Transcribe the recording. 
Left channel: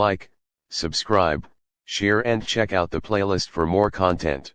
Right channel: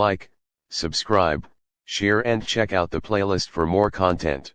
like, subscribe, share and check out the playlist for more content.